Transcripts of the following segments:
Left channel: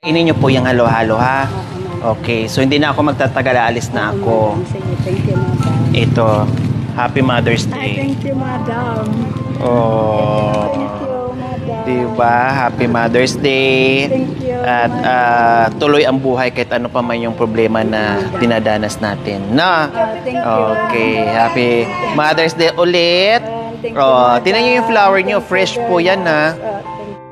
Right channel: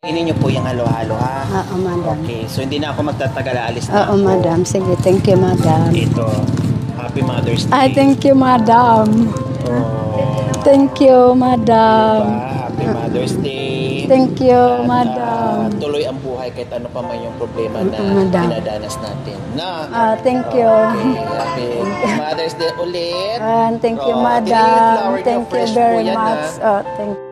Kainin niyo po yung halo-halo, ha? Oo, madam. Okay, so hindi na ako magtatagal, aalis na Oo, ako. madam. Sige, thank you, madam. Ito, Happy Mother's Day. Ay, thank you, madam. Oh. Thank you, madam. Diba? Happy Mother's Day. Thank you, At madam. tuloy ang buhay kahit ano pa man yung problema na Madam. dinadanas natin. Na? Thank you. Okay, Happy Mother's Day ulit. Thank you, madam. Tingnan niyo yung flower niyo, Thank you fresh very po yan, ha? much. Thank you.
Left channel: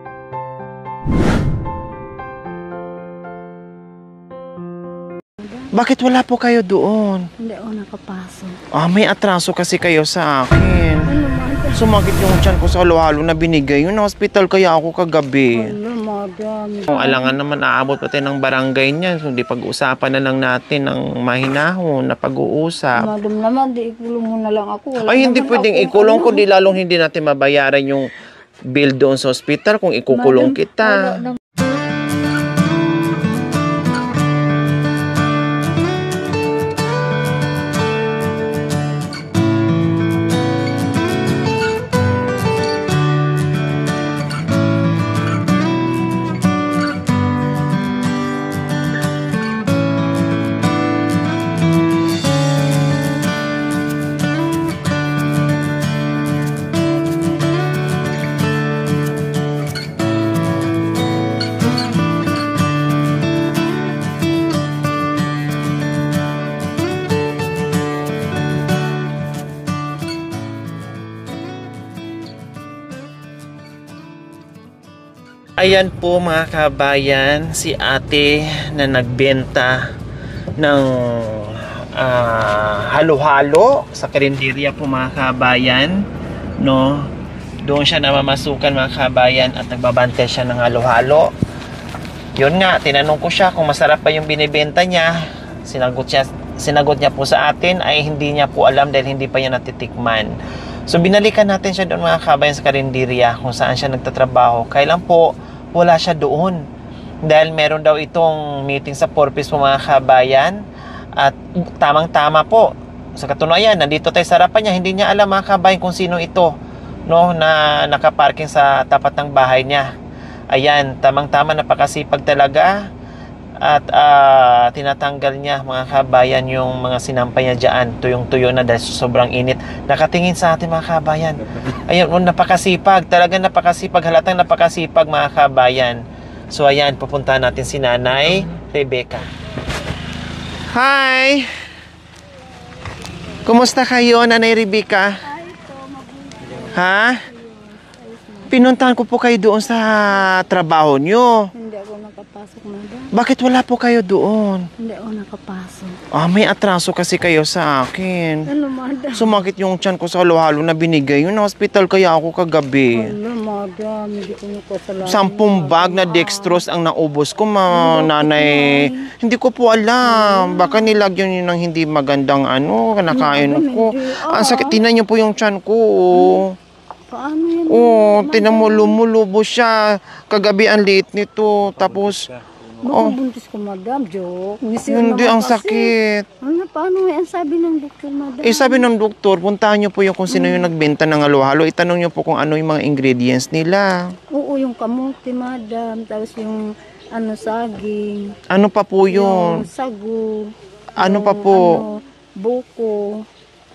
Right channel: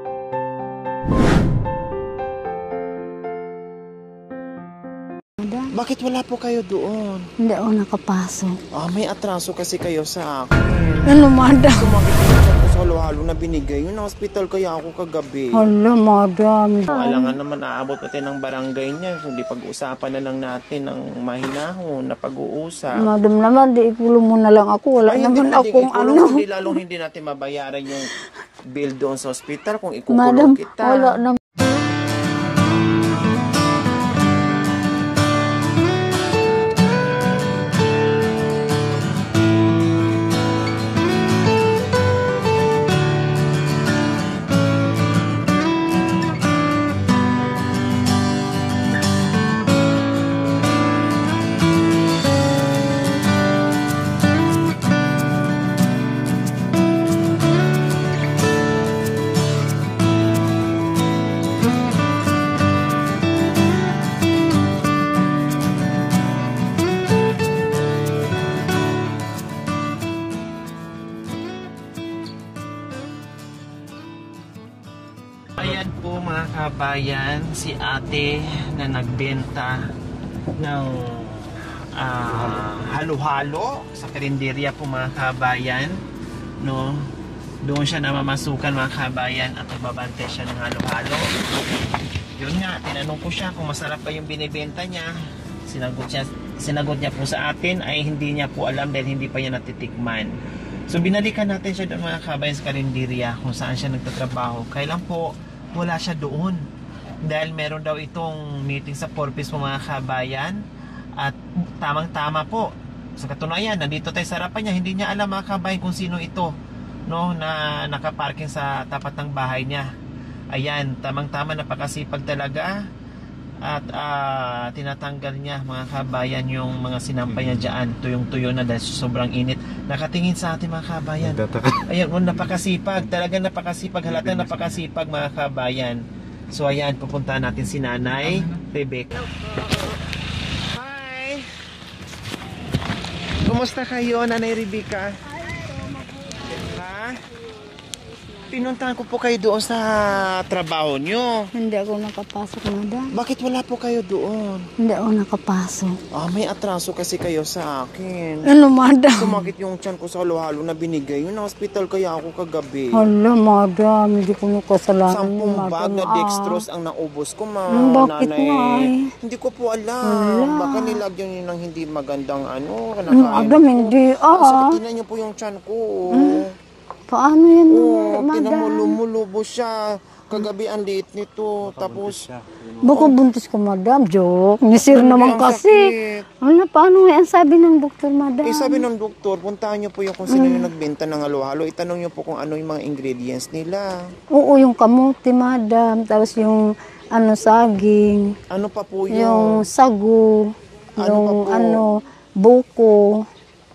Bakit wala po kayo doon? Hindi ako nakapasok. May atraso kasi kayo sa akin. Ano, madam? Sumakit yung tiyan ko sa halo-halo na binigay. Yung hospital kaya ako kagabi. Hala, madam. Alangan naman, aabot pati ng barangay niya. So, di pag-usapan na lang natin ng mahinahon na pag-uusap. Madam naman, di ikulong mo na lang ako. Wala Ay, hindi naman pwedeng akong ikulong ano. kundi lalong hindi natin mabayaran yung bill doon sa hospital kung ikukulong Madam, kita. wala naman. Ayan po mga kabayan, si ate na nagbenta ng halo-halo sa karinderya po mga kabayan, no? Doon siya namamasukan mga kabayan at nagbabante siya ng halo-halo. Yun nga, tinanong ko siya kung masarap pa yung binibenta niya. Sinagot niya po sa atin ay hindi niya po alam dahil hindi pa niya natitikman. So binalikan natin siya doon mga kabayan sa karinderya kung saan siya nagtatrabaho. Kailan po wala siya doon dahil meron daw itong meeting sa Porpis po mga kabayan at tamang-tama po sa katunayan nandito tayo sa harapan niya, hindi niya alam mga kabayan kung sino ito, no, na nakaparking sa tapat ng bahay niya. Ayan, tamang-tama, napakasipag talaga at tinatanggal niya mga kabayan yung mga sinampay niya dyan, tuyong-tuyo na dahil sobrang init. Nakatingin sa atin mga kabayan. Ayan, napakasipag, talagang napakasipag, halatang napakasipag mga kabayan. So ayan, pupuntahan natin si Nanay Rebecca. Hi! Kumusta kayo, Nanay Rebecca? Ha? Pinuntahan ko po kayo doon sa trabaho nyo. Hindi ako nakapasok, madam. Bakit wala po kayo doon? Hindi ako nakapasok. May atraso kasi kayo sa akin. Ano, madam? Sumakit yung tiyan ko sa halo-halo na binigay. Yung hospital kaya ako kagabi. Hala, madam. Hindi ko nakasalanan. 10 bag na dextrose ang naubos ko, Bakit nanay. Hindi ko po alam. Hala. Baka nilagyan nyo ng hindi magandang kinakain Madam, ko. hindi. Ang sakit, tinan nyo po yung tiyan ko. Paano yan? Tinan mo, lumulubo siya. Kagabi ang liit nito. Tapos, Baka buntis ko, madam. Joke. Nisir hindi, ang naman kasi. sakit. Wala, paano yan? Sabi ng doktor, madam. Sabi ng doktor, puntahan nyo po yung kung sino yung nagbenta ng halo-halo. Itanong nyo po kung ano yung mga ingredients nila. Oo, yung kamuti, madam. Tapos yung saging. Ano pa po Yung yun? sagu. Ano yung, pa po? buko.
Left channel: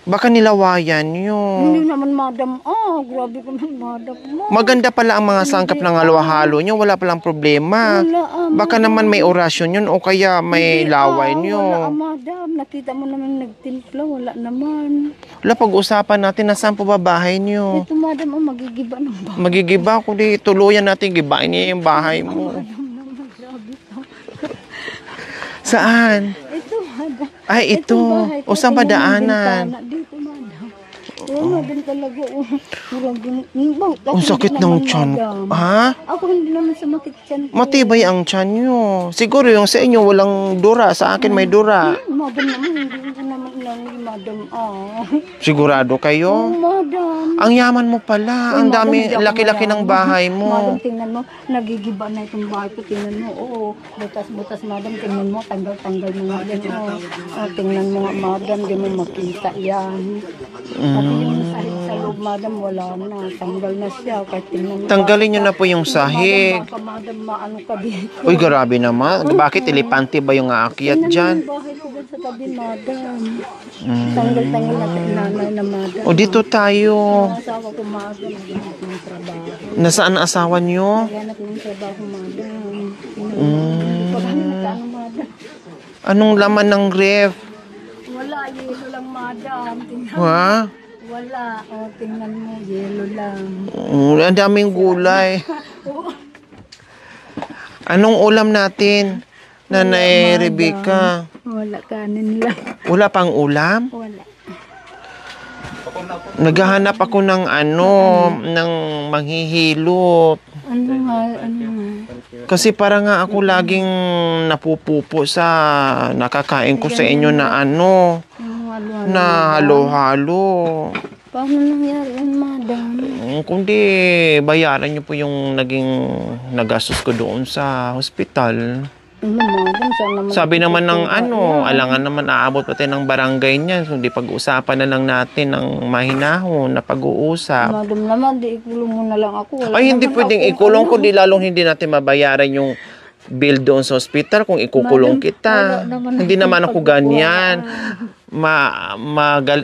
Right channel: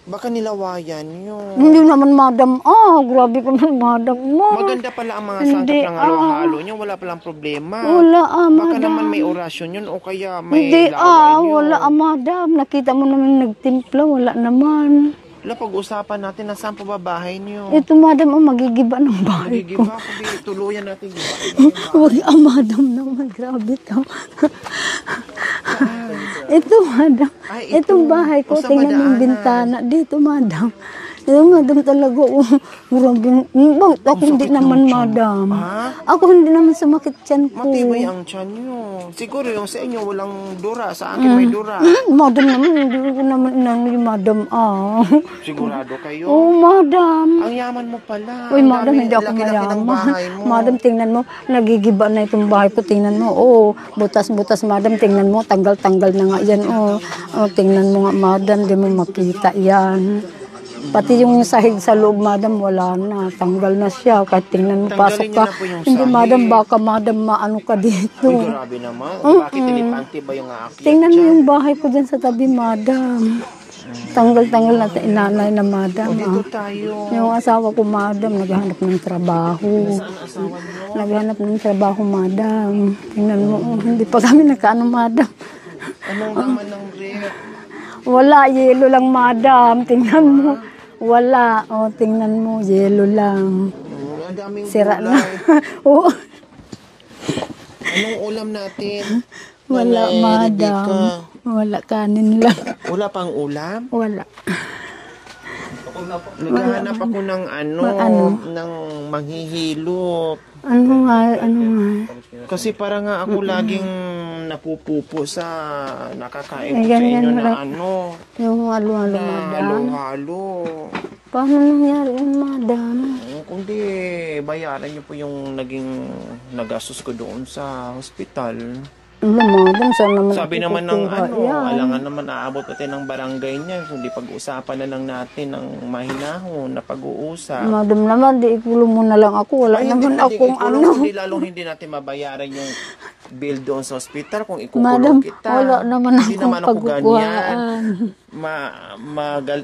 Baka nilawayan yun. Hindi naman, madam. Grabe ka naman, madam. Maganda pala ang mga sangkap Hindi, ng halo-halo nyo. Wala palang problema. Wala, Baka madam. naman may orasyon yun o kaya may Hindi, laway nyo. wala, madam. Nakita mo naman nagtimpla. Wala naman. Wala, pag-usapan natin na saan po ba bahay nyo. Ito, madam, magigiba ng bahay. Magigiba ko di. Tuluyan natin. Gibain niya yung bahay. Madam naman. Grabe ka. Saan? Ito, madam. Ay, ito. Itong bahay ko. O, saan tingnan mo yung madaanan? bintana. Dito, madam. Madam talaga. Ako sakit hindi ng naman, tiyan. madam. Ha? Ako hindi naman sumakit tiyan ko. Matibay ang tiyan nyo. Siguro yung sa inyo walang dura. Sa akin may dura. Madam naman, hindi ko naman inangoy, madam. Sigurado kayo? Oo, madam. Ang yaman mo pala. Uy, Ang madam, dami, hindi ako laki-laki ng mayaman. bahay mo. Madam, tingnan mo. Nagigiba na itong bahay ko. Tingnan mo. Butas-butas, madam. Tingnan mo. Tanggal-tanggal na nga yan. Tingnan mo nga, madam. Di mo makita yan. Pati yung sahig sa loob, madam, wala na. Tanggal na siya. Kahit tingnan mo, Tanggalin pasok niyo ka. na po yung Hindi, madam, sahig. baka madam maano ka dito. Uy, grabe naman. Bakit elepante ba yung aakyat Tingnan mo dyan? yung bahay ko dyan sa tabi, madam. Tanggal-tanggal na nanay na madam. O dito tayo. Yung asawa ko, madam, naghahanap ng trabaho. Nasaan ang asawa niyo? Naghahanap ng trabaho, madam. Tingnan mo, hindi pa kami nagkaano, madam. Anong laman ng ref? Wala, yelo lang, madam. Tingnan mo. Ha? Wala. O, tingnan mo, yelo lang. Ang daming Sira gulay. Oo. Anong ulam natin? Nanay Wala, madam. Rebecca. Wala, kanin lang. Wala pang ulam? Wala. Naghahanap ako ng ng manghihilo. Ano nga. Kasi para nga ako laging napupupo sa nakakain ko sa inyo na Yung halo-halo. na halo-halo. Paano nangyari yun, madam? Kundi bayaran niyo po yung naging nagastos ko doon sa hospital. Ano, madam? Saan naman Sabi naman ng itutuwa yan? alangan naman aabot pati ng barangay niya. Kundi pag-usapan na lang natin ng mahinahon na pag-uusap. Madam naman, di ikulong mo na lang ako. Wala Ay, hindi naman pwedeng akong ikulong ano. kundi lalong hindi natin mabayaran yung bill doon sa hospital kung ikukulong Madam, kita. wala naman Hindi akong naman ako pagkukuhaan. ganyan.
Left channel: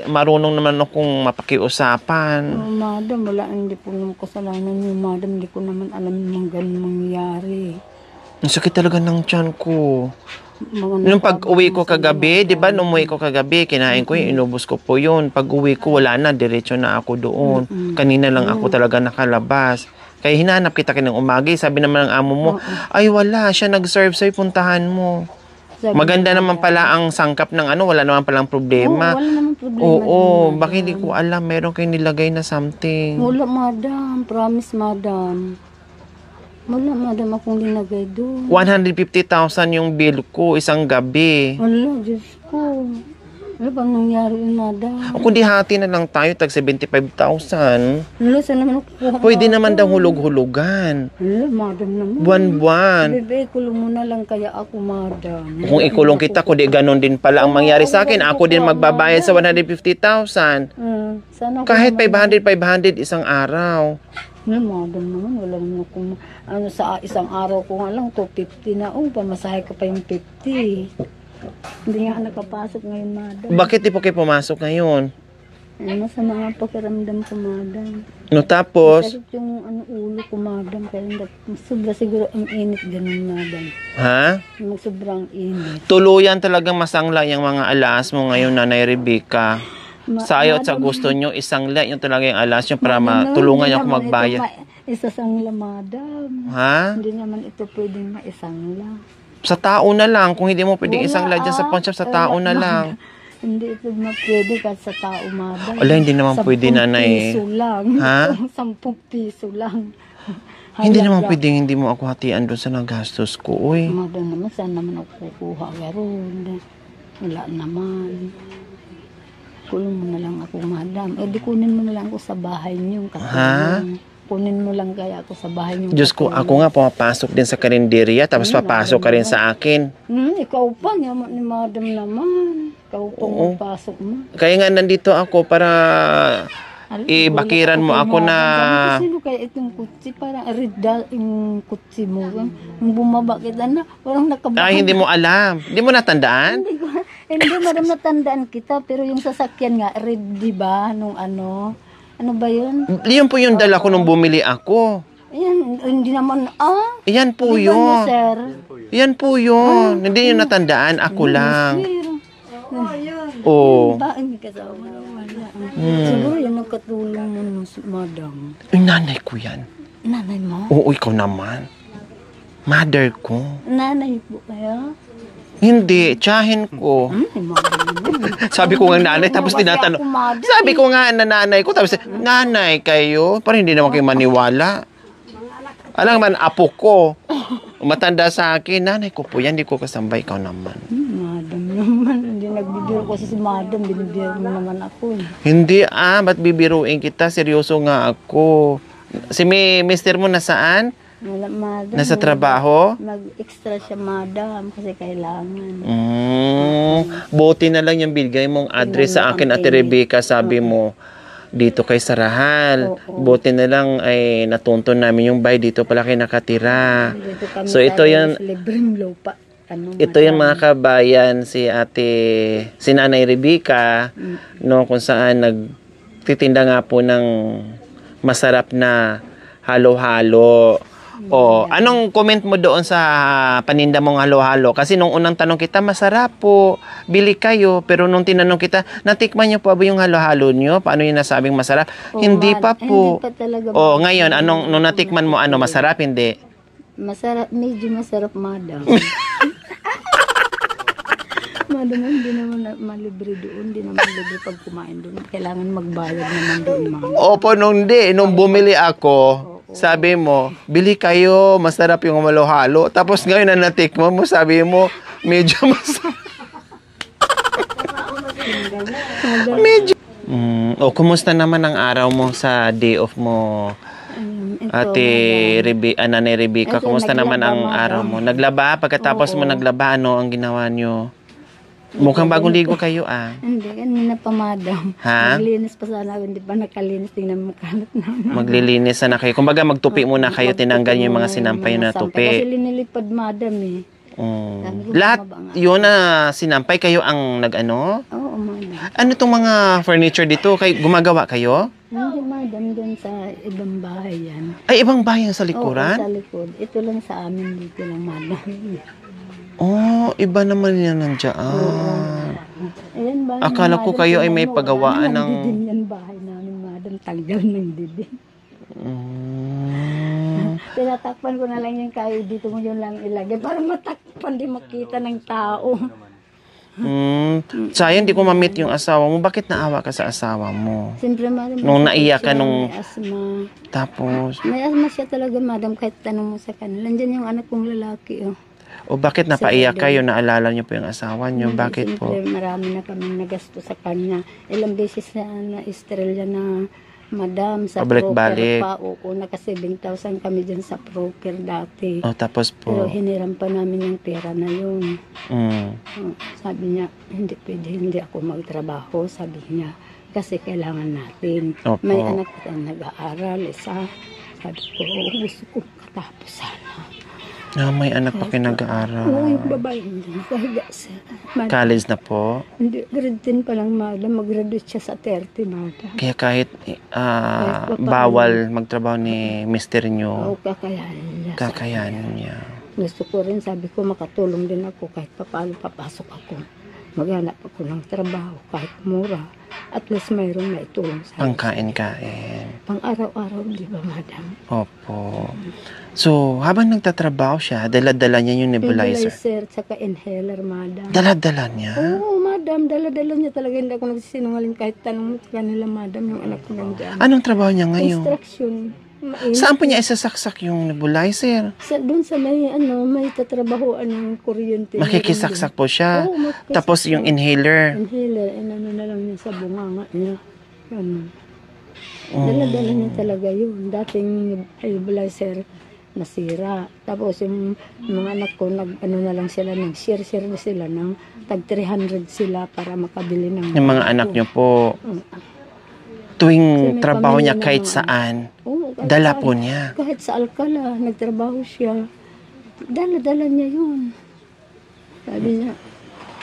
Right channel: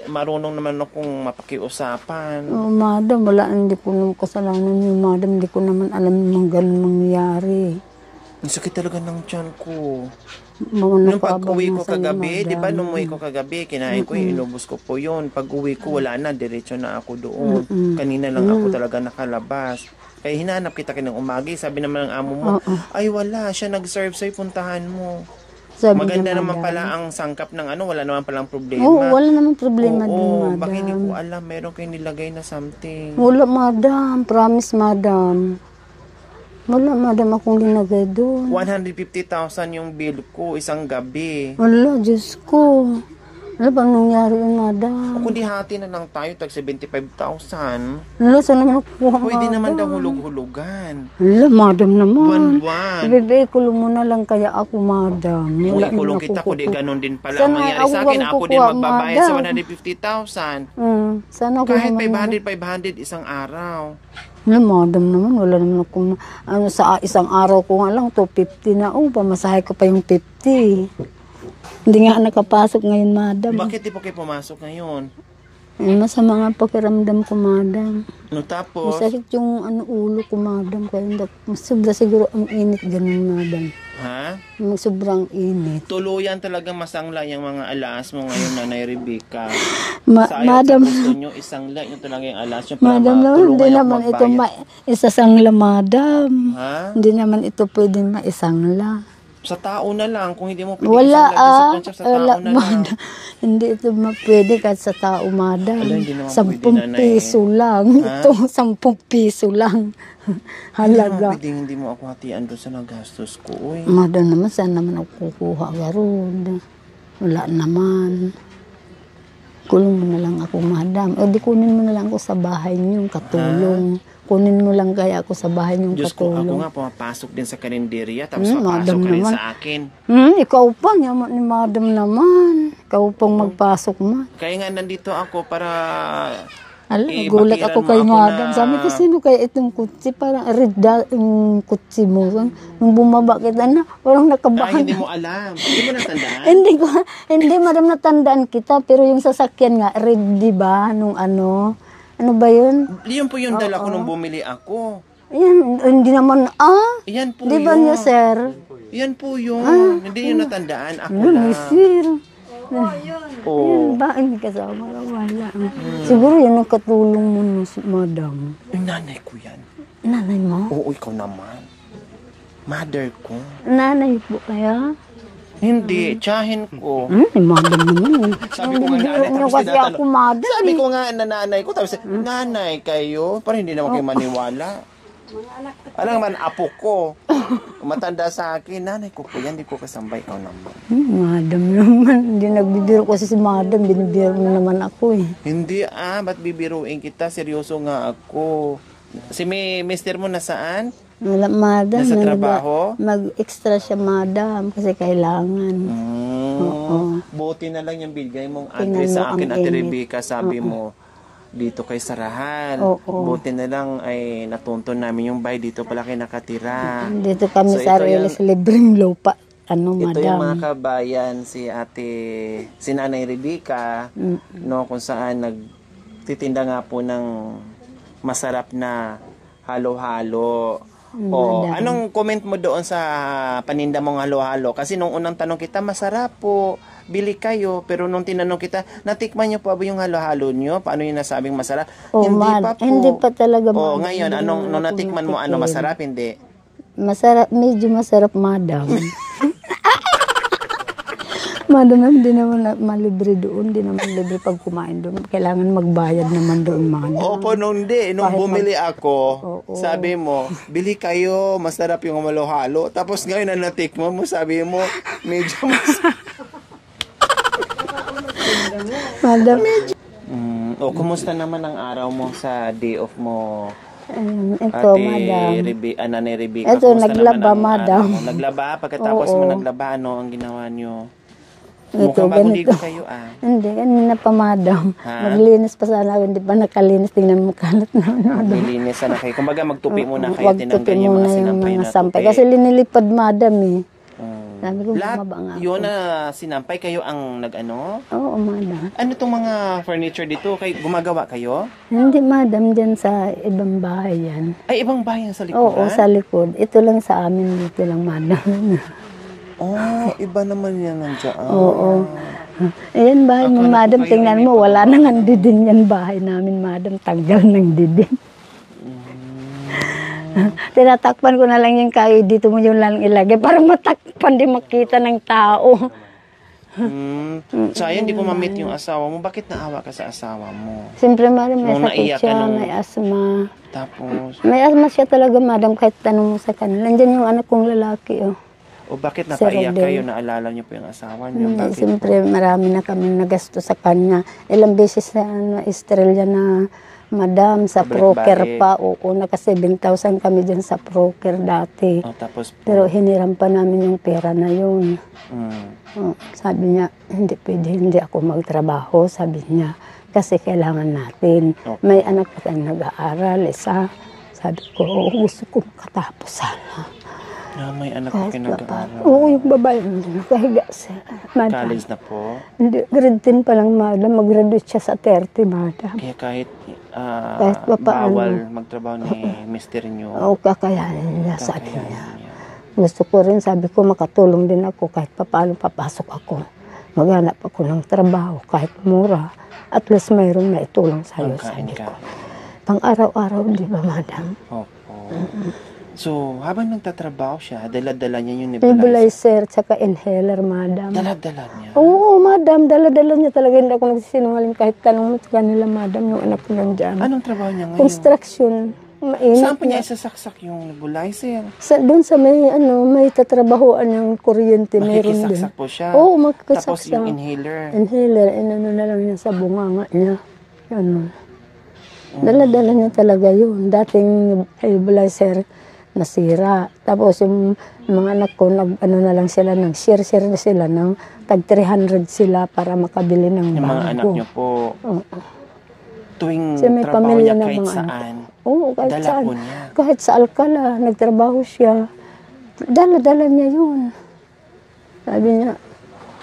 Marunong naman akong mapakiusapan. Oh, madam, wala. Hindi ko naman kasalanan yun, madam. Hindi ko naman alam yung ganun mangyayari. Ang sakit talaga ng tiyan ko. Mga Nung pag-uwi ko nakabang na kagabi, sa'yo, di ba, madam. nung umuwi ko kagabi, kinain ko yun, inubos ko po yun. Pag-uwi ko, wala na, diretso na ako doon. Kanina lang ako talaga nakalabas. Kaya hinanap kita kinang umagi. Sabi naman ng amo mo, ay wala, siya nag-serve sa'yo, puntahan mo. Sabi Maganda niya, naman madam. pala ang sangkap ng wala naman palang Oo, problema. wala namang problema. Oo, din, bakit hindi madam. ko alam, meron kayong nilagay na something. Wala, madam. Promise, madam. Wala, madam, akong linagay doon. 150,000 yung bill ko isang gabi. Wala, Diyos ko. Wala ba nangyari yun, madam? Ako di hati na lang tayo, tag 75,000. Wala, saan naman nakukuha, Pwede naman daw madam? hulog-hulugan. Wala, madam naman. Buwan-buwan. Ibigay kulong mo na lang kaya ako, madam. Kung Wala ikulong naman kita, ako kundi ganon din pala ang Sana mangyari ako sa akin. Ako din magkukuha, magbabayad sa madam. 150,000. Sana ako Kahit naman- 500 isang araw. Wala, madam naman. Wala naman ako. Sa isang araw ko nga lang, 250 na. Pamasahe ko pa yung 50. Hindi nga nakapasok ngayon, madam. Bakit di po kayo pumasok ngayon? Masama nga pakiramdam ko, madam. No, tapos, Masakit yung ulo ko, madam. Kaya sobra siguro ang init ganun, madam. ha? Yung sobrang init. Tuluyan talagang masangla yung mga alas mo ngayon, Nanay Rebecca. Ma- Sa ayaw at sa madam- gusto nyo, isangla yung talaga yung alas nyo para Madam, matulungan hindi nyo ako naman ito magbayad. isasangla, madam. Ha? Hindi naman ito pwedeng maisangla. Sa tao na lang. Kung hindi mo pwede isangla dyan sa pawn shop, sa tao na lang. madam. Hindi ito pwede kahit sa tao, madam. Wala, hindi naman 10 pwede, nanay. piso lang. Ha? Ito, 10 piso lang. Hindi naman Halaga. pwedeng hindi mo ako hatian doon sa nagastos ko. Uy. Madam naman, saan naman ako kukuha garod? Wala naman. Kulong mo na lang ako, madam. O di kunin mo na lang ako sa bahay niyo, katulong. Kunin mo lang kaya ako sa bahay niyo, Diyos ko, katulong. ako nga pumapasok din sa karinderya, tapos papasok madam ka rin naman. sa akin. Ikaw pa, yaman ni madam naman. Ikaw pang magpasok ma. Kaya nga nandito ako para Gulat bakiran ako mo kay ako madam. na... Sabi ko, sino kaya itong kutsi? Parang red yung kutsi mo. Nung bumaba kita na, parang nakabahan. Ay, hindi mo alam. Hindi mo natandaan? Hindi, madam, natandaan kita. Pero yung sasakyan nga, red, di ba? Nung ano ba yun? Yun po yung dala ko nung bumili ako. Ayan, hindi naman, Yan po di ba niya, yun. sir? Yan po yun. Hindi yun natandaan. Ako lang. Sir. Oo. Ba, hindi kasama na wala. Siguro yun ang katulong mo, madam. Ay, nanay ko yan. Nanay mo? Oo, ikaw naman. Mother ko. Nanay po kaya? Hindi, tsahin ko. Madam naman. Sabi ko nga nanay, tapos Kasi tinatanong. ako, madam. Sabi ko nga na nanay ko, tapos nanay kayo. Parang hindi naman kayo maniwala. Alam man, apo ko. Matanda sa akin, nanay ko po yan, hindi ko kasambay, ikaw naman. Madam naman. Hindi nagbibiro kasi si madam. Binibiro mo naman ako eh. Hindi ba't bibiruin kita? Seryoso nga ako. Si mister mo nasaan? Wala, madam. Nasa trabaho? Mag-extra siya, madam, kasi kailangan. Buti na lang yung bigay mong address sa akin, Ate Rebecca. Sabi mo, dito kay Sarahal. Oo. Buti na lang ay natunto namin yung bahay. Dito pala kayo nakatira. Dito kami So, sa ito yan- libreng lupa. Ito yung mga kabayan, si Nanay Rebecca, no, kung saan nagtitinda nga po ng masarap na halo-halo. O, anong comment mo doon sa paninda mong halo-halo? Kasi nung unang tanong kita, masarap po, bili kayo. Pero nung tinanong kita, natikman niyo po ba yung halo-halo niyo? Paano yung nasabing masarap? Hindi pa po. Hindi pa talaga. O, ngayon, nung natikman mo, masarap, hindi? Masarap, medyo masarap, madam. Madam, hindi naman malibre doon. Hindi naman libre pag kumain doon. Kailangan magbayad naman doon, madam. Opo, nung bumili ako, sabi mo, bili kayo, masarap yung halo-halo. Tapos ngayon na natikman mo, sabi mo, medyo masarap. Madam, Kumusta naman ang araw mo sa day off mo? ito, Ate madam. Nanay Rebecca, Ito, kumusta naman ang naglaba, araw madam. mo? Naglaba? Pagkatapos mo naglaba, ano ang ginawa nyo? Mukhang bagong ligo kayo, ah. Hindi, kanina pa, madam. Ha? Naglinis pa sana ako. Hindi pa nakalinis. Tingnan mo kalat na. Maglilinis na kayo. Kumbaga, magtupi muna kayo, tinanggal yung mga sinampay na tupi. Kasi linilipad, madam, eh. Sabi ko, Lahat bumaba nga. yun na sinampay kayo ang nag-ano? Oo, madam. Ano itong mga furniture dito? Gumagawa kayo? Hindi, madam, dyan sa ibang bahay yan. Ay, ibang bahay sa Oo, likuran? sa likod. Ito lang sa amin, ito lang, madam. Iba naman yan nandiyan. Oo. Ayan, bahay ni Akala ko madam, kayo ay tingnan may mo, wala pagawaan nang ng- didin yan bahay namin, madam. Tanggal ng didin. Tinatakpan ko na lang yung kayo, dito mo yung lang ilagay para matakpan, di makita ng tao. Sayang, di ko ma-meet yung asawa mo. Bakit naawa ka sa asawa mo? Siyempre, madam, may Nung sakit naiyak ka siya, nung- may asma. Tapos, May asma siya talaga, madam, kahit tanong mo sa kanila. Nandiyan yung anak kong lalaki, oh. bakit napaiyak Cerebral. kayo? Naalala niyo po yung asawa niyo? Hindi, Bakit po? siyempre, marami na kami nagasto sa kanya. Ilang beses na Estrella na madam sa Pabalik-balik. broker pa. Oo, naka 7,000 kami dyan sa broker dati. Tapos po. Pero hiniram pa namin yung pera na yun. Mm. Sabi niya, hindi pwede, hindi ako magtrabaho. Sabi niya, kasi kailangan natin. Opo. May anak ka nag-aaral, isa. Sabi ko, gusto ko makatapos sana. May anak ko pinag-aaral. Oo, yung babae mo nakahiga siya. Madam. College na po. Hindi, grade 10 pa lang, madam. Mag-graduate siya sa 30, madam. Kaya kahit papaano. bawal magtrabaho ni mister niyo, Oo, kakayanin niya sa akin. kakayanin niya. Gusto ko rin, sabi ko, makatulong din ako kahit papaano papasok ako. Maghanap ako ng trabaho kahit mura. At least mayroong maitulong sa iyo. Pangkain-kain. Pang araw-araw, di ba, madam? Opo. So, habang nagtatrabaho siya, dala-dala niya yung nebulizer. Nebulizer, tsaka inhaler, madam. Dala-dala niya? Oo, madam. Dala-dala niya talaga. Hindi ako nagsisinungaling kahit tanong mo sa kanila, madam, yung anak ko nandyan. Anong trabaho niya ngayon? Construction. Mainit Saan po na. niya isasaksak yung nebulizer? Doon sa may tatrabahuan yung kuryente. meron Makikisaksak din. po siya. Oo, makikisaksak. Tapos yung inhaler. Inhaler, inano na lang niya sa bunganga niya. Ano. Dala-dala niya talaga yun. Dating nebulizer nasira. Tapos yung mga anak ko, ano na lang sila, nag-share na sila ng tag 300 sila para makabili ng Yung mga bago. anak niyo po, Oo. tuwing Kasi may trabaho pamilya niya na kahit mga saan, Oo, kahit dala saan. po niya. Kahit sa Alcala, nagtrabaho siya. Dala-dala niya yun. Sabi niya,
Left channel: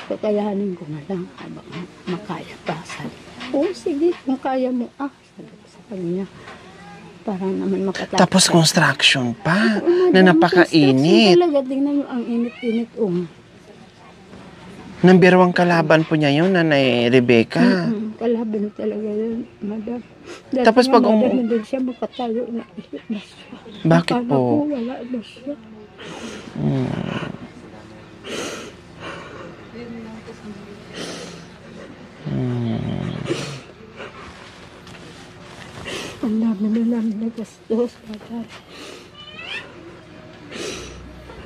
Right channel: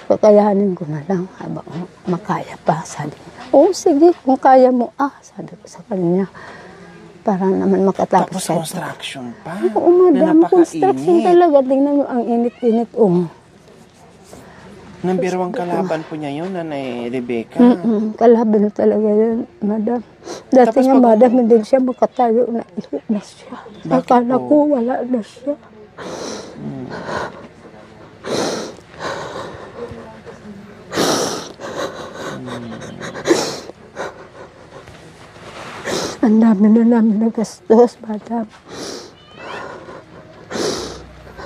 kakayanin ko na lang habang makaya pa. Sabi niya, oo, sige, kung kaya mo, sabi ko sa kanya. Para naman makatapos. Tapos construction pa, Oo, na madam, construction napakainit. talaga. Tingnan niyo, ang init-init. Nambirwang kalaban po niya yun, Nanay Rebecca. Kalaban talaga yan, madam. Dati Tapos nga, pag madam, hindi siya makatayo na siya. Bakit Akala po? ko, wala na siya. Ang dami na namin nagastos, madam.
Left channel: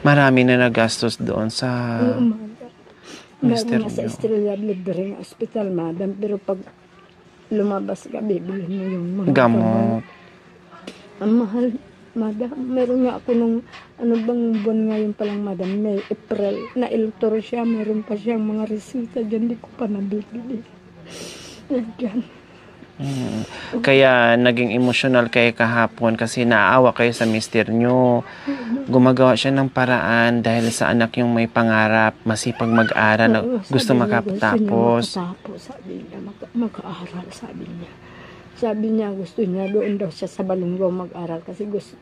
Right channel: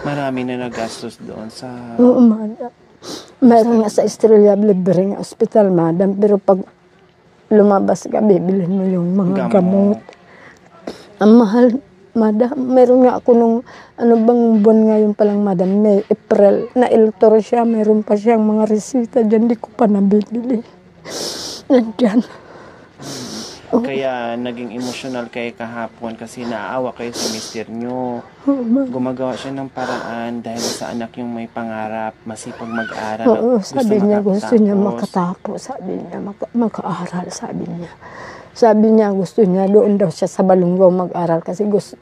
Marami na nagastos doon sa... Oo, madam. Meron nga sa Estrella Libre Hospital, madam. Pero pag lumabas ka, bibilhin mo yung mga Gamot. gamot. Ang mahal, Madam, meron nga ako nung, ano bang buwan ngayon palang, Madam, May, April, na iltor siya, meron pa siyang mga resita dyan, di ko pa nabibili. Nandyan. Kaya naging emosyonal kayo kahapon kasi naawa kayo sa mister nyo. Gumagawa siya ng paraan dahil sa anak yung may pangarap, masipag mag-aral, Oo, gusto sabi niya, gusto niya makatapos. makatapos, sabi niya, mag-aaral, sabi niya. Sabi niya, gusto niya, doon daw siya sa Balunggaw mag-aral kasi gusto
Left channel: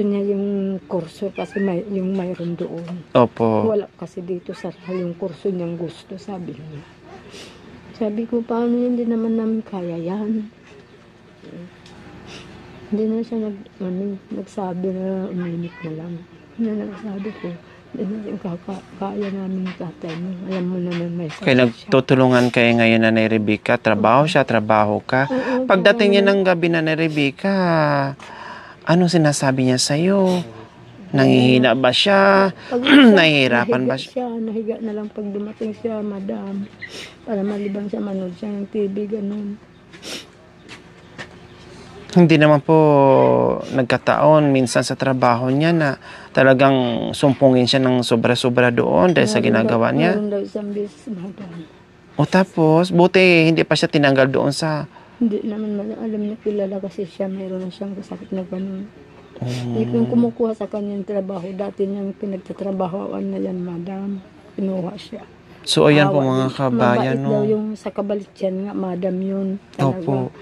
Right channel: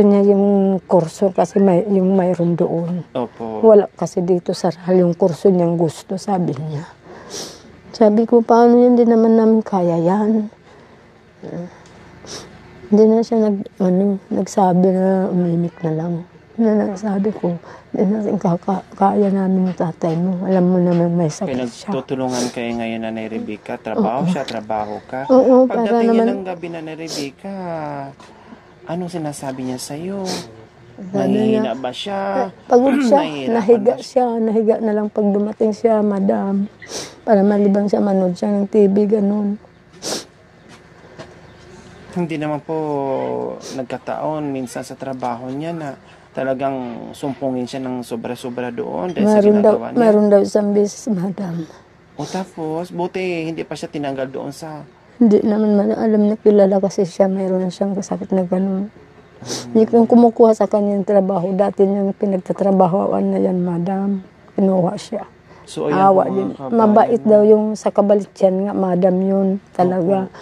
niya yung kurso kasi yung mayroon doon. Opo. Wala kasi dito sa Rahal yung kurso niyang gusto, sabi niya. Sabi ko, paano yun, hindi naman namin kaya yan. Hindi na siya nagsabi na uminik na lang. Hindi na nagsabi ko, hindi na kaya namin yung tatay mo. Alam mo naman may sakit Kaya siya. nagtutulungan kayo ngayon na Rebecca. Trabaho siya, trabaho ka. Oo, Pagdating niya para ng gabi na Rebecca, ano sinasabi niya sa'yo? Nangihina ba siya? Pagod siya, Nahihirapan ba siya? nahiga na lang pag dumating siya, Madam. Para malibang siya, manood siya ng TV, ganun. Hindi naman po nagkataon minsan sa trabaho niya na talagang sumpungin siya ng sobra-sobra doon dahil sa ginagawa niya. Meron daw isang beses, Madam. O tapos, buti hindi pa siya tinanggal doon sa... Hindi naman alam niya, kilala kasi siya, meron na siyang kasakit na ganun. Hindi ko yung kumukuha sa kanyang trabaho. Dati niyang pinagtatrabahoan na yan, Madam. Kinuha siya. So, ayan po Awa mga din. kabayan. Mabait daw No? yung sa Kabalityan nga, Madam, yun. Talaga. Opo.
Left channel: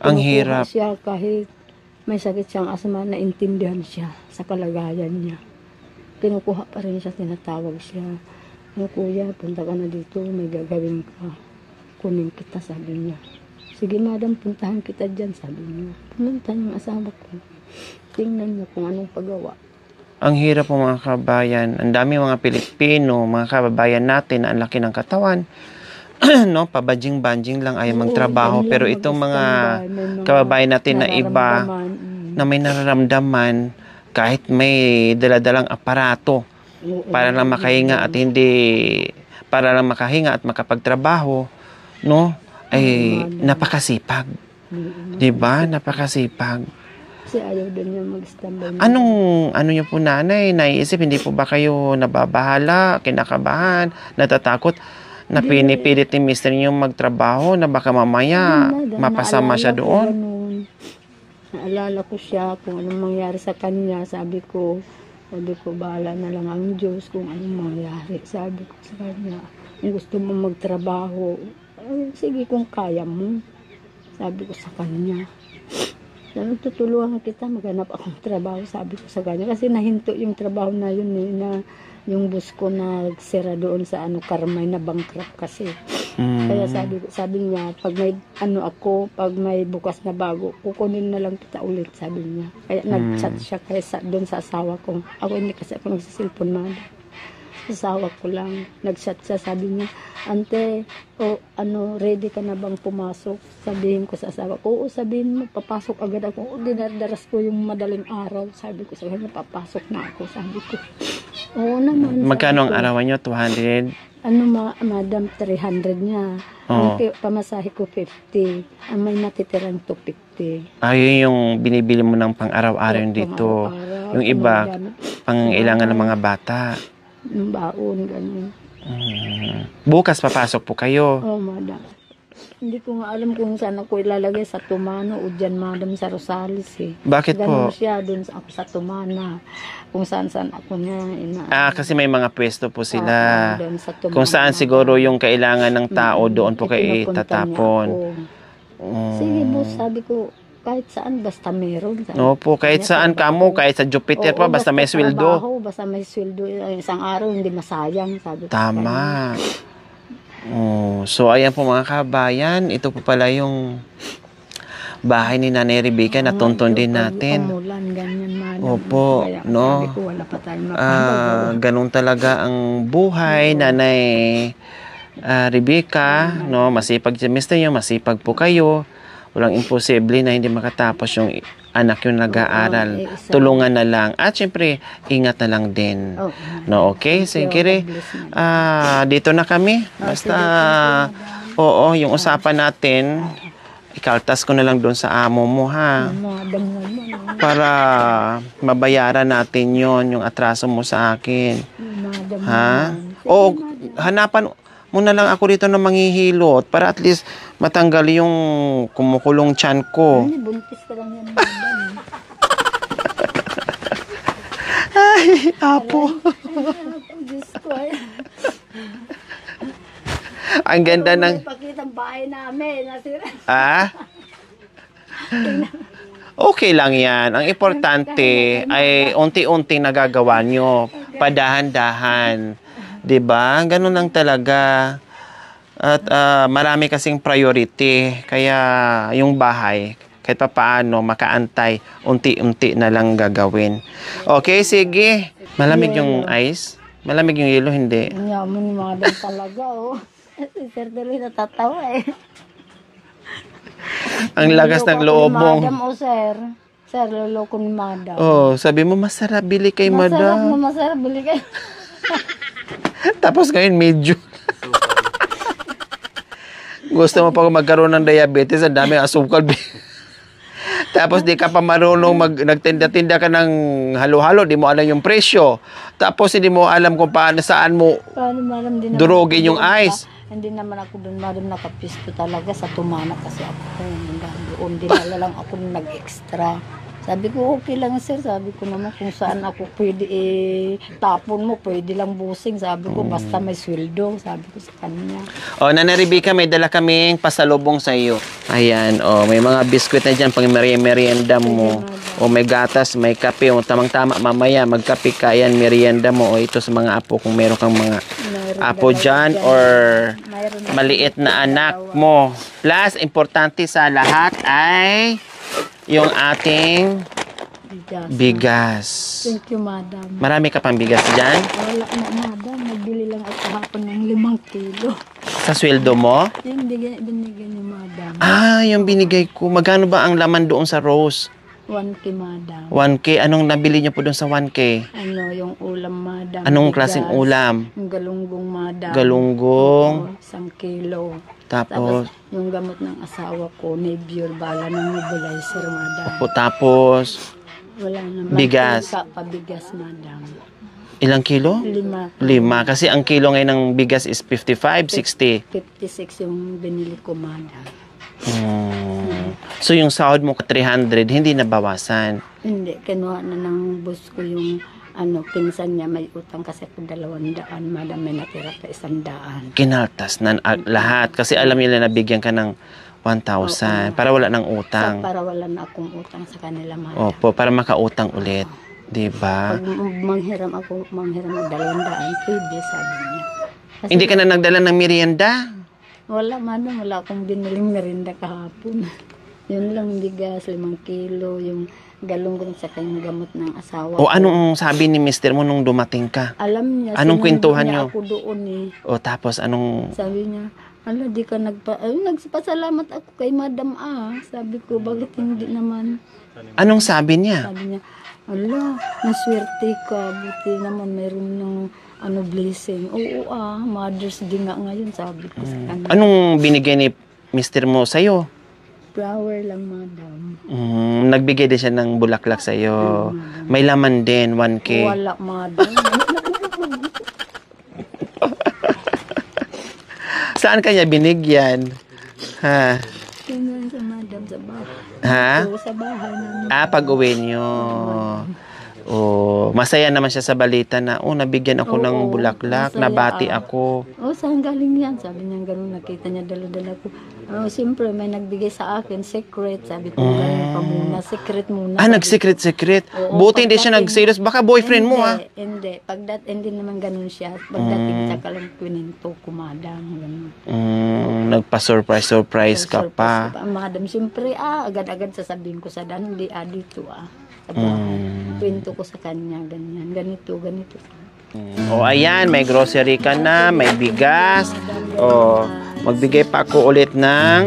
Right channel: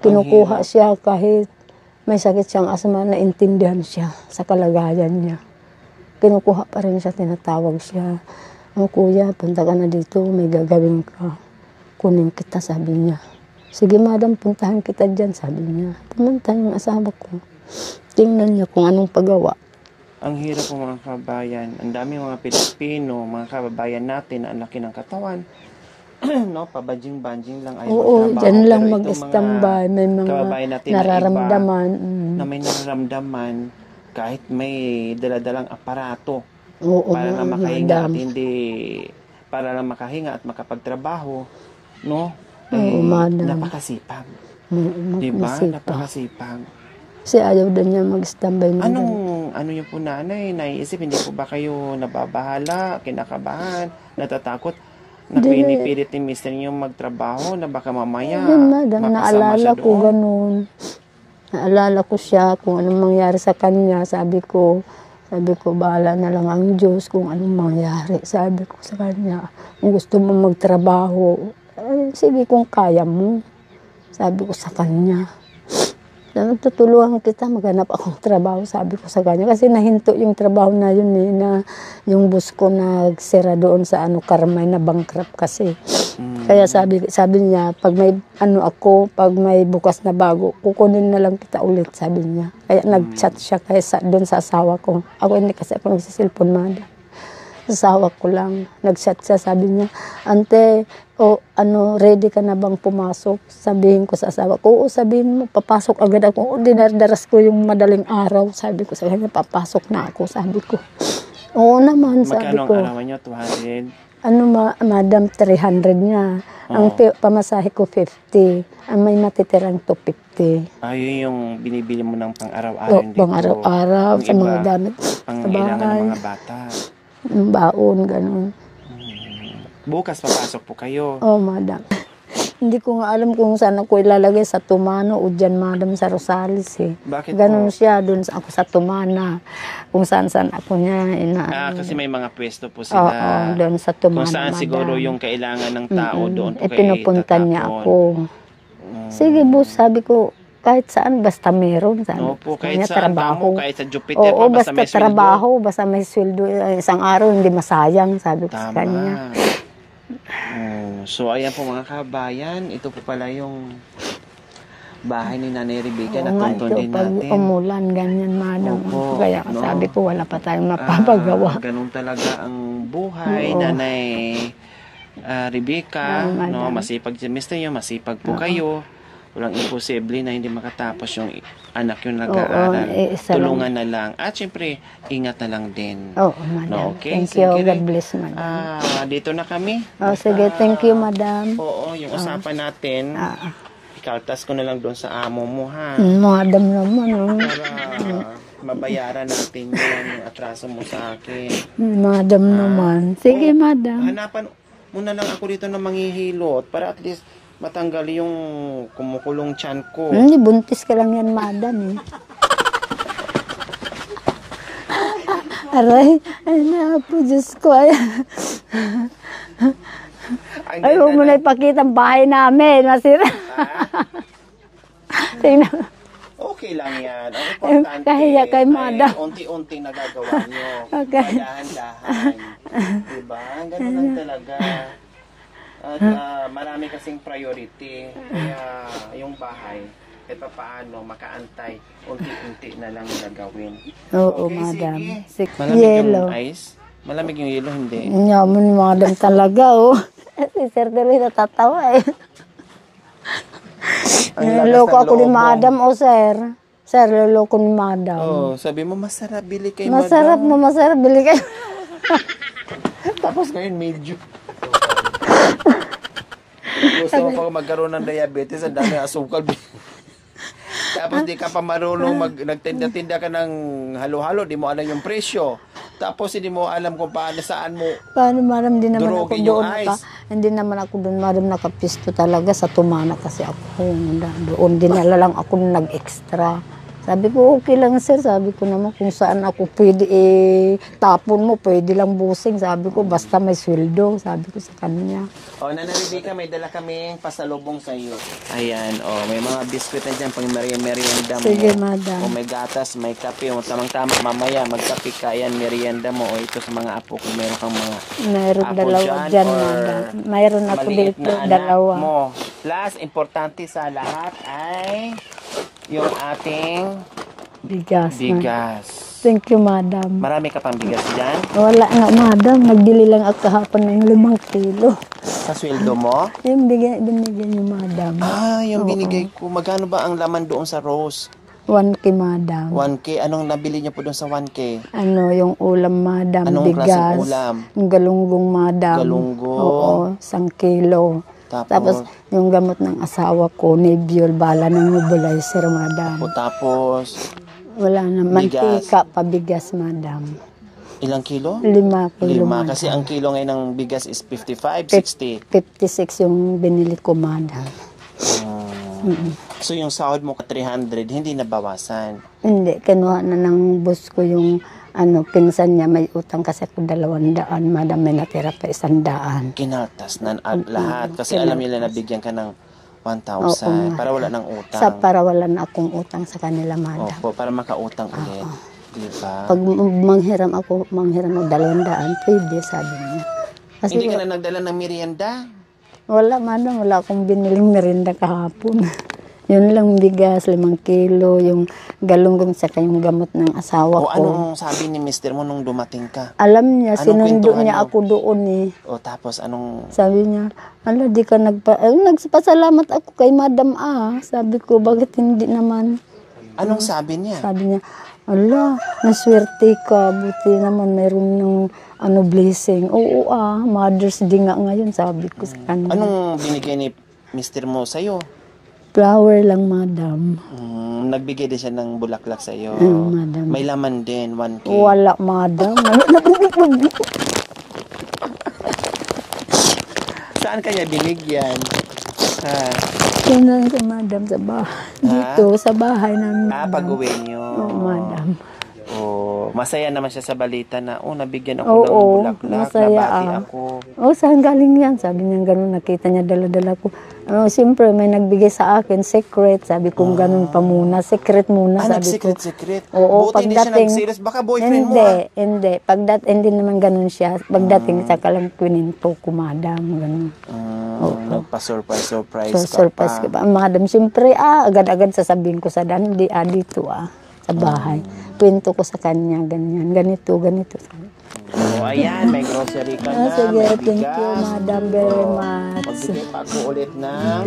Ang Kinukuha hirap. siya kahit may sakit siyang asma, naintindihan siya sa kalagayan niya. Kinukuha pa rin siya, tinatawag siya. "Oh, kuya, punta ka na dito, may gagawin ka. Kunin kita," sabi niya. "Sige, Madam, puntahan kita dyan," sabi niya. Pumunta yung asawa ko. Tingnan niya kung anong pagawa. Ang hirap po mga kabayan. Ang dami mga Pilipino, mga kababayan natin na ang laki ng katawan. No, pabadjing-banjing lang ayaw Oo, magtrabaho. dyan lang Pero itong mga mag-standby, may mga kababayan natin na iba nararamdaman. na may nararamdaman kahit may daladalang aparato Oo, para lang makahinga at Madam. hindi para lang makahinga at makapagtrabaho, no? Ay Madam. napakasipag. 'Di ba? Napakasipag. Kasi ayaw din niya mag-standby. Madam. Ano niyo po nanay, naiisip, hindi po ba kayo nababahala, kinakabahan, natatakot, na Hindi. pinipilit ni mister niyo magtrabaho na baka mamaya Madam, mapasama siya naalala ko doon? ganun. Naalala ko siya kung anong mangyari sa kanya. Sabi ko, bahala na lang ang Diyos kung anong mangyari. Sabi ko sa kanya, kung gusto mo magtrabaho, sige kung kaya mo. Sabi ko sa kanya. Tutulungan kita, maghanap akong trabaho, sabi ko sa kanya. Kasi nahinto yung trabaho na yun na yung bus ko nagsira doon sa Carmay na bankrupt kasi. Kaya sabi niya, pag may pag may bukas na bago, kukunin na lang kita ulit, sabi niya. Kaya nag-chat siya doon sa asawa ko. Ako hindi kasi ako nagsisilpon, Madam. Asawa ko lang. Nag-chat siya, sabi niya, "Ante, ready ka na bang pumasok?" Sabihin ko sa asawa ko, "Oo, sabihin mo, papasok agad ako." Dinardaras ko yung madaling araw. Sabi ko sa kanya, "Papasok na ako," sabi ko. "Oo naman," sabi Magkano ang ko. arawan niyo? 200? Madam, 300 niya. Ang pamasahe ko, 50. Ang may natitirang 250. Ayun yung binibili mo ng pang-araw-araw dito. Pang araw-araw, Yung sa iba, mga damit. pang-ilangan ng bahay. mga bata. Yung baon, gano'n. Bukas papasok po kayo. Oh, Madam. Hindi ko nga alam kung saan ako ilalagay, sa Tumano o dyan, Madam, sa Rosales eh. Bakit Ganun po? siya, doon ako sa Tumana. Kung saan-saan ako niya Kasi may mga pwesto po Oo, sila. doon sa Tumana, Kung saan Madam. siguro yung kailangan ng tao, doon po kayo Pinupunta niya itatapon. ako. Sige, boss, sabi ko, kahit saan, basta meron. Sabi. Opo, kahit Kanya, saan trabaho. kamo, kahit sa Jupiter pa, Oo, basta may sweldo. trabaho, basta may sweldo. Isang araw, hindi masayang, sabi ko sa kanya. Tama. So, ayan po mga kabayan. Ito po pala yung bahay ni Nanay Rebecca na tuntun din natin. Umulan, ganyan, Madam. Opo, Kaya no? sabi ko, wala pa tayong napapagawa. Ganun talaga ang buhay, Oo. Nanay Rebecca. Oo, No? Masipag si Mr. nyo, masipag po kayo. Walang imposible na hindi makatapos yung anak yung nag-aaral. Isa Tulungan na lang. At syempre, ingat na lang din. Oo, Madam. No, okay? Thank you, Sige, God bless, Madam. dito na kami. Sige, thank you, Madam. Oo, yung usapan natin, Ikaltas ko na lang doon sa amo mo, ha? Madam naman, oh. Para mabayaran natin yung atraso mo sa akin. Madam Ha? naman. Sige, O, madam. hanapan mo na lang ako dito ng manghihilot para at least matanggal yung kumukulong tiyan ko. Hindi, buntis ka lang yan, madam. Eh. Aray, apo, Diyos ko. Ang Ay, ganda huwag mo na ng... ipakita ang bahay namin. Nasira. Ha? Tingnan. Okay lang yan. Ang importante Kaya kay ay Mada. unti-unting nagagawa nyo. Okay. Padahan-dahan. 'Di ba? Ganun lang talaga. At marami kasing priority. Kaya yung bahay, kahit pa paano, makaantay, unti-unti na lang gagawin. Oo, Okay, madam. sige. Sige. Malamig yung Yelo. ice? Malamig yung yelo, hindi. Yaman, madam talaga, oh. Si Sir tuloy natatawa, eh. Ang lagas ng Niloloko ako loob ni mo. madam, oh, sir. Sir, loloko ni madam. Oh, sabi mo, masarap, bili kay Masarap madam. na masarap. Bili kayo. Tapos ngayon, medyo. Gusto mo pa magkaroon ng diabetes, ang dami asukal. Tapos di ka pa marunong nagtinda-tinda ka ng halo-halo, di mo alam yung presyo. Tapos hindi mo alam kung saan mo Paano, madam, di naman durugin ako yung doon ice. Hindi naman ako doon, madam, nakapisto talaga sa tumana kasi ako. Doon dinala lang ako nag-extra. Sabi ko, okay lang, sir. Sabi ko naman kung saan ako pwede, tapon mo, pwede lang busing. Sabi ko, basta may sweldo. Sabi ko sa kanya. O, Nana Rebecca, may dala kaming pasalubong sa iyo. Ayan, may mga biskwit na dyan pang merienda mo. Sige, madam. O may gatas, may kape. O tamang-tama, mamaya magkape ka. Ayan, merienda mo. O ito sa mga apo, kung meron kang mga Mayroon apo dalawa dyan dyan, or madam. Mayroon ako maliit dito, na anak dalawa. mo. Plus, importante sa lahat ay yung ating Bigas. bigas. Thank you, madam. Marami ka pang bigas dyan? Wala nga, madam. Nagbili lang ako kahapon ng 5 kilo. Sa sweldo mo? Yung binigyan niyo, madam. Yung binigay ko. Magkano ba ang laman doon sa Rose? 1K, madam. 1K. Anong nabili niyo po doon sa 1K? Ano, yung ulam, madam. Anong bigas, klaseng ulam? Yung galunggong, madam. Galunggong. Oo, 1 kilo. Tapos, yung gamot ng asawa ko, Nebiol, bala ng nebulizer, madam. Tapos, Wala na. Bigas. Mantika, pabigas, madam. ilang kilo? 5 kilo. 5. Kasi ang kilo ngayon ng bigas is 55, 60. 56 yung binili ko, madam. So, yung sahod mo 300, hindi nabawasan. Hindi, kinuha na ng boss ko yung pinsan niya, may utang kasi ako 200, madam, may natira pa 100. Kinaltas na lahat. Kasi alam nila na bigyan ka ng 1,000 para wala ng utang. Para wala na akong utang sa kanila, madam. Opo, para makautang ulit. Diba? Pag manghiram ng 200, pwede, sabi niya. Kasi Hindi ka na nagdala ng merienda? wala, madam, wala akong biniling merinda kahapon. Yun lang, bigas, 5 kilo, yung galunggong sa yung gamot ng asawa O ko. anong sabi ni mister mo nung dumating ka? Alam niya, Anong sinundo kwentuhan niya niyo? ako doon eh. O tapos anong... Sabi niya, di ka nagpasalamat ako kay madam Sabi ko, bakit hindi naman? Anong sabi niya? Sabi niya, naswerte ka, buti naman mayroon ng blessing. Oo Mother's Day nga ngayon, sabi ko sa kanya. Anong binigay ni mister mo sa'yo? Flower lang, madam. Nagbigay din siya ng bulaklak sa'yo. madam. May laman din, 1K. Wala, madam. Saan kanya binigyan? Ha? Yun lang si madam sa bahay. Ha? Dito, sa bahay namin. Pag-uwi niyo. Madam. Masaya naman siya sa balita na, nabigyan ako ng Oo, bulaklak, masaya, nabati ako. Saan galing yan? Sabi niya ganun, nakita niya dala-dala ko. Siyempre, may nagbigay sa akin, secret. Sabi ko, ganun pa muna. Secret muna. sabi ko. Nag-secret. Oo, Buti hindi siya pagdating- nag-serious. Baka boyfriend mo, Hindi. Hindi naman ganun siya. Pagdating, tsaka lang kwininto ko, madam. Ganun. Nagpa-surprise Surprise ka pa. ko pa. Madam, siyempre, agad-agad sasabihin ko sa dito, sa bahay. Kwento ko sa kanya, ganyan. Ganito. Ayan, may grocery ka na, may bigas. Magbigay pa ako ulit ng...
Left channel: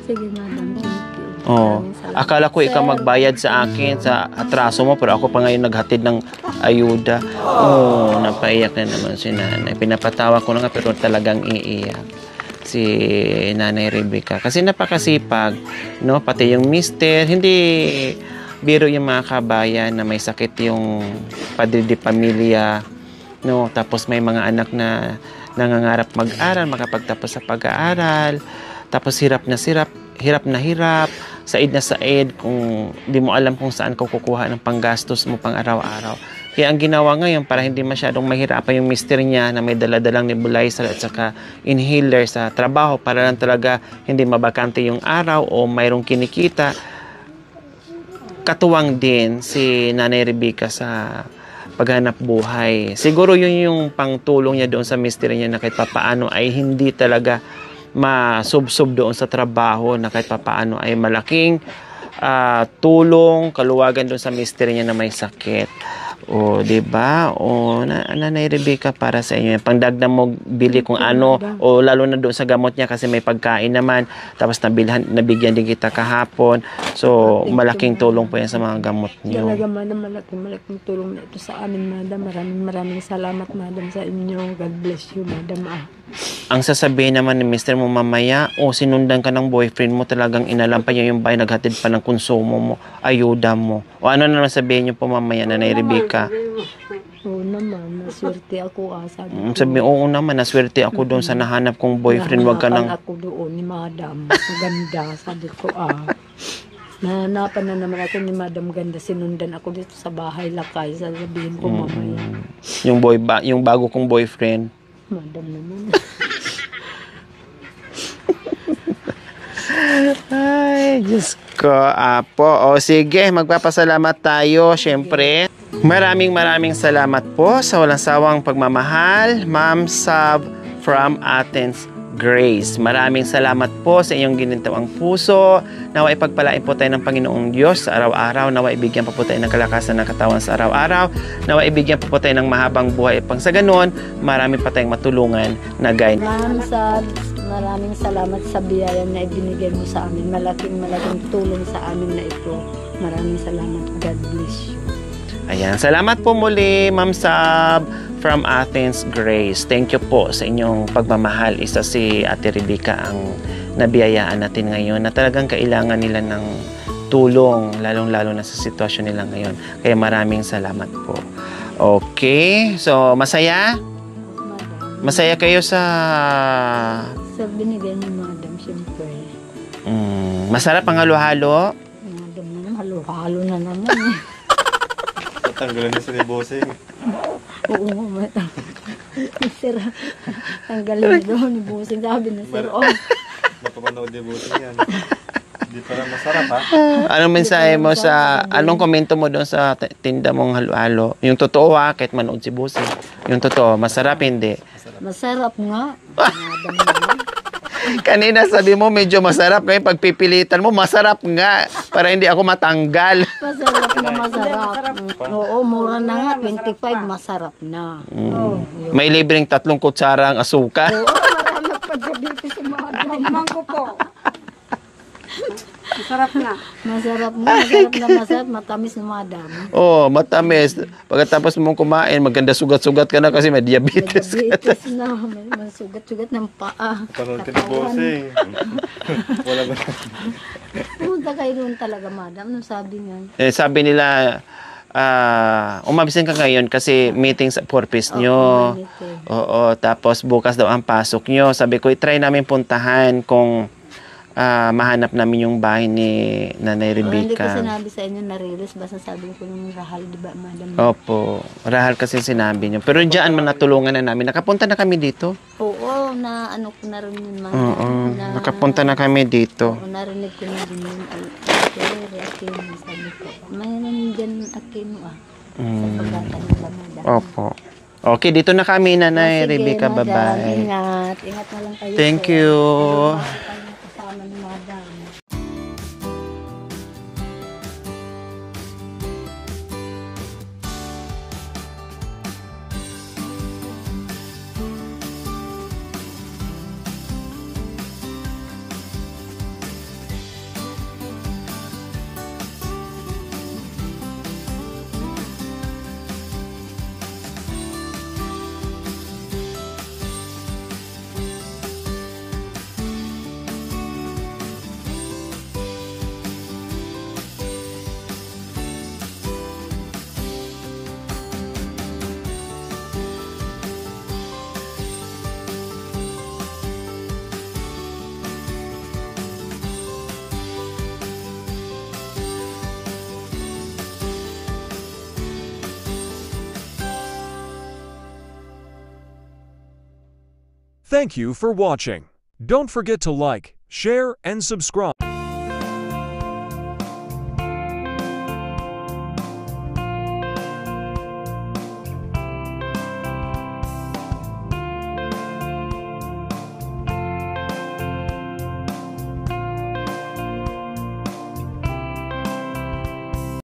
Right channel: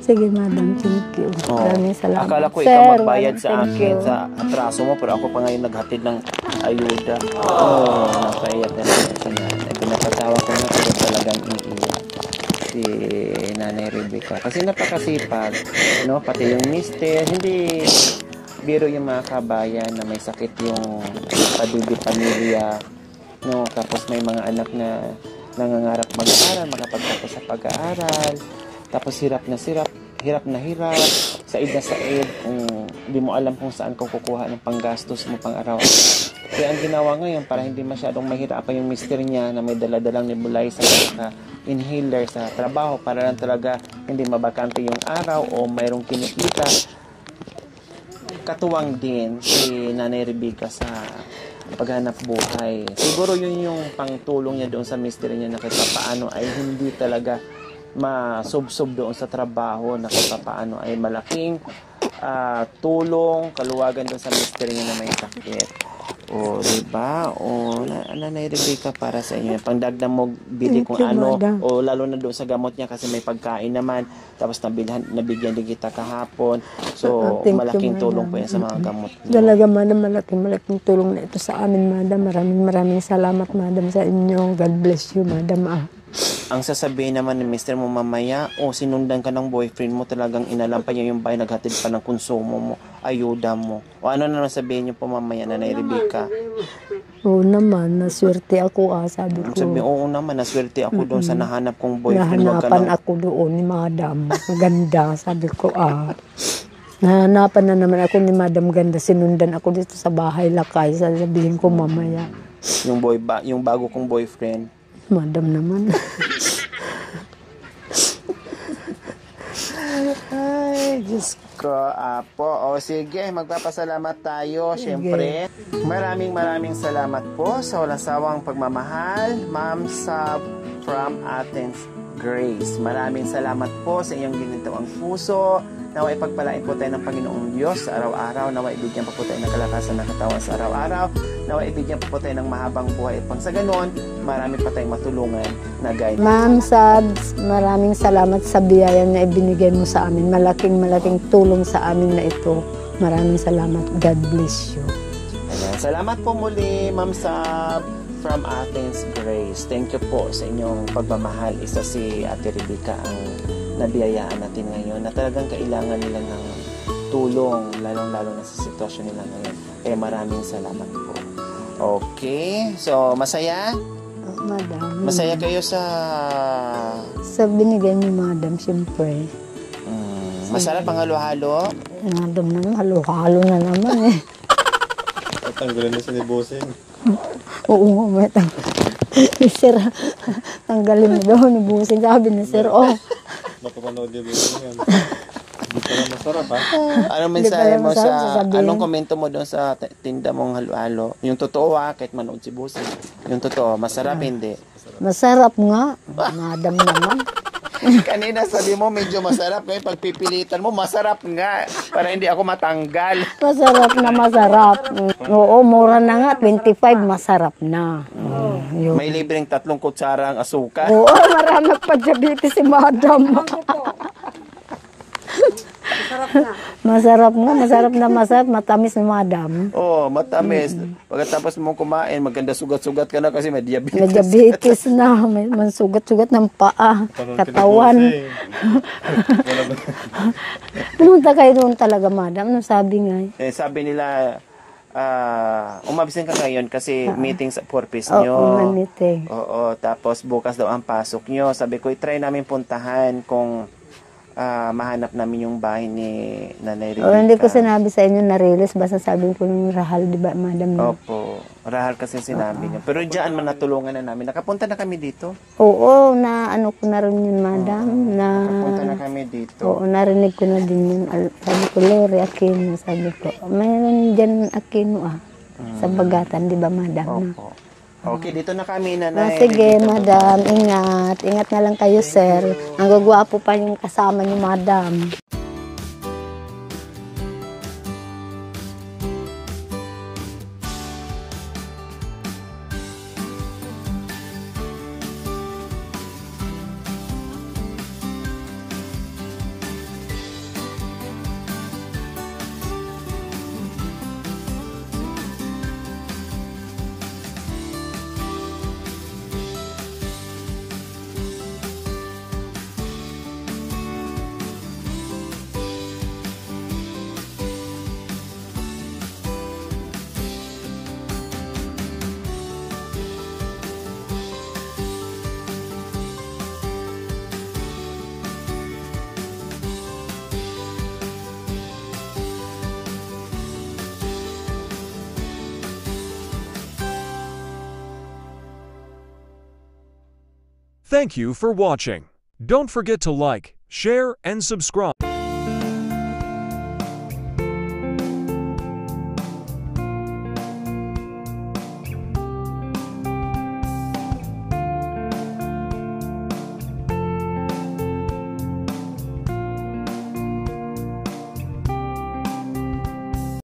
Sige, madam. Thank you. Maraming salamat. Akala ko ikaw magbayad sa akin sa atraso mo, pero ako pa ngayon naghatid ng ayuda. Napaiyak na naman si nanay. Pinapatawa ko na nga, pero talagang iiyak. si Nanay Rebecca. Kasi napakasipag, no? Pati yung mister, hindi biro yung mga kabayan na may sakit yung padidi pamilya, no? Tapos may mga anak na nangangarap mag-aral, makapagtapos sa pag-aaral. Tapos hirap na hirap, said na said, kung di mo alam kung saan ka kukuha ng panggastos mo pang araw-araw. Kaya ang ginawa ngayon, para hindi masyadong mahirapan yung mister niya na may daladalang nebulizer at saka inhaler sa trabaho, para lang talaga hindi mabakante yung araw o mayroong kinikita, katuwang din si Nanay Rebecca sa paghanap buhay. Siguro yun yung pangtulong niya doon sa mister niya na kahit papaano ay hindi talaga masubsob doon sa trabaho, na kahit papaano ay malaking tulong, kaluwagan doon sa mister niya na may sakit. O, di ba? O, Nanay Rebecca, para sa inyo. Pangdagdag mo, bili kung ano. O, lalo na doon sa gamot niya kasi may pagkain naman. Tapos nabigyan din kita kahapon. So, malaking tulong po yan sa mga gamot niyo. Talaga, madam, malaking tulong na ito sa amin, madam. Maraming salamat, madam, sa inyo. God bless you, madam. Ang sasabihin naman ni mister mo mamaya, o sinundan ka ng boyfriend mo, talagang inalampa niya yung bahay, naghatid pa ng konsumo mo, ayuda mo. O ano naman sabihin niyo po mamaya, Nanay Rebecca? Oo naman, naswerte ako, sabi ko. Sabi, oo naman, naswerte ako doon sa nahanap kong boyfriend. Wag ka nang... ako doon ni madam, maganda, sabi ko, nahanapan na naman ako ni madam ganda, sinundan ako dito sa bahay lakay, sasabihin ko mamaya. Yung bago kong boyfriend. Madam naman. Ay, Diyos ko, Apo. O sige, magpapasalamat tayo, syempre. Maraming salamat po sa walang sawang pagmamahal, Ma'am Sab from Athens, Grace. Maraming salamat po sa inyong ginintawang puso. Naway pagpalain po tayo ng Panginoong Diyos sa araw-araw. Naway ibigyan pa po tayo ng kalakasan ng katawan sa araw-araw. Naway ibigyan pa po tayo ng mahabang buhay. Pang sa ganon, marami pa tayong matulungan na guide. Ma'am Sabs, maraming salamat sa biyaya na ibinigay mo sa amin. Malaking tulong sa amin na ito. Maraming salamat. God bless you. Ayan, salamat po muli, Ma'am Sab from Athens, Grace. Thank you po sa inyong pagmamahal. Isa si Ate Rebecca ang nabiyayaan natin ngayon na talagang kailangan nila ng tulong, lalong-lalo na sa sitwasyon nila ngayon. Kaya maraming salamat po. Okay, so masaya? Madam. Masaya kayo sa... Sa binigay niyo, madam, siyempre. Masarap ang halo-halo? Madam naman, halo-halo na naman eh. Tanggalin na si Boseng. Oo nga, may sir, tanggalin mo daw ni Busing. Sabi ni sir, Napapanood ni Boseng yan. Hindi pala masarap, ha? Anong mensahe mo sa... sasabihin. Anong komento mo doon sa tinda mong halo-halo? Yung totoo kahit manood si Busing. Yung totoo, masarap hindi? masarap nga. Madam naman. Kanina sabi mo medyo masarap. Ngayon pagpipilitan mo, masarap nga. Para hindi ako matanggal. Masarap na masarap. Oo, mura na nga. 25, masarap na. Yun. May libreng 3 kutsara ang asukal. Oo, marami pa diabetes si madam. Masarap na masarap. Matamis ni madam. Oh, matamis. Pagkatapos mong kumain, maganda sugat-sugat ka na kasi may diabetes. May diabetes na. May sugat-sugat ng paa. Katawan. Pumunta kayo doon talaga, madam. Ano sabi nga? Sabi nila, umabisan ka ngayon kasi meeting sa purpose nyo. Oo, tapos bukas daw ang pasok nyo. Sabi ko, try namin puntahan kung mahanap namin yung bahay ni Nanay Rebecca. Hindi ko sinabi sa inyo na release. Basta sabi ko ng Rahal, di ba, madam? Opo, Rahal kasi sinabi nyo. Pero diyan man natulungan na namin. Nakapunta na kami dito. Oo, na ano ko na rin yun, madam. Nakapunta na kami dito. Oo, narinig ko na din yun. Sabi ko, Leri, Aquino, sabi ko. Mayroon dyan Aquino, sa Bagatan, di ba, madam? Opo. Okay, dito na kami, Nanay Sige, Rebecca. madam. Bye-bye. Ingat. Ingat na lang kayo, Thank sir. you. Ang gagwapo pa yung kasama ni madam. Thank you for watching. Don't forget to like, share, and subscribe.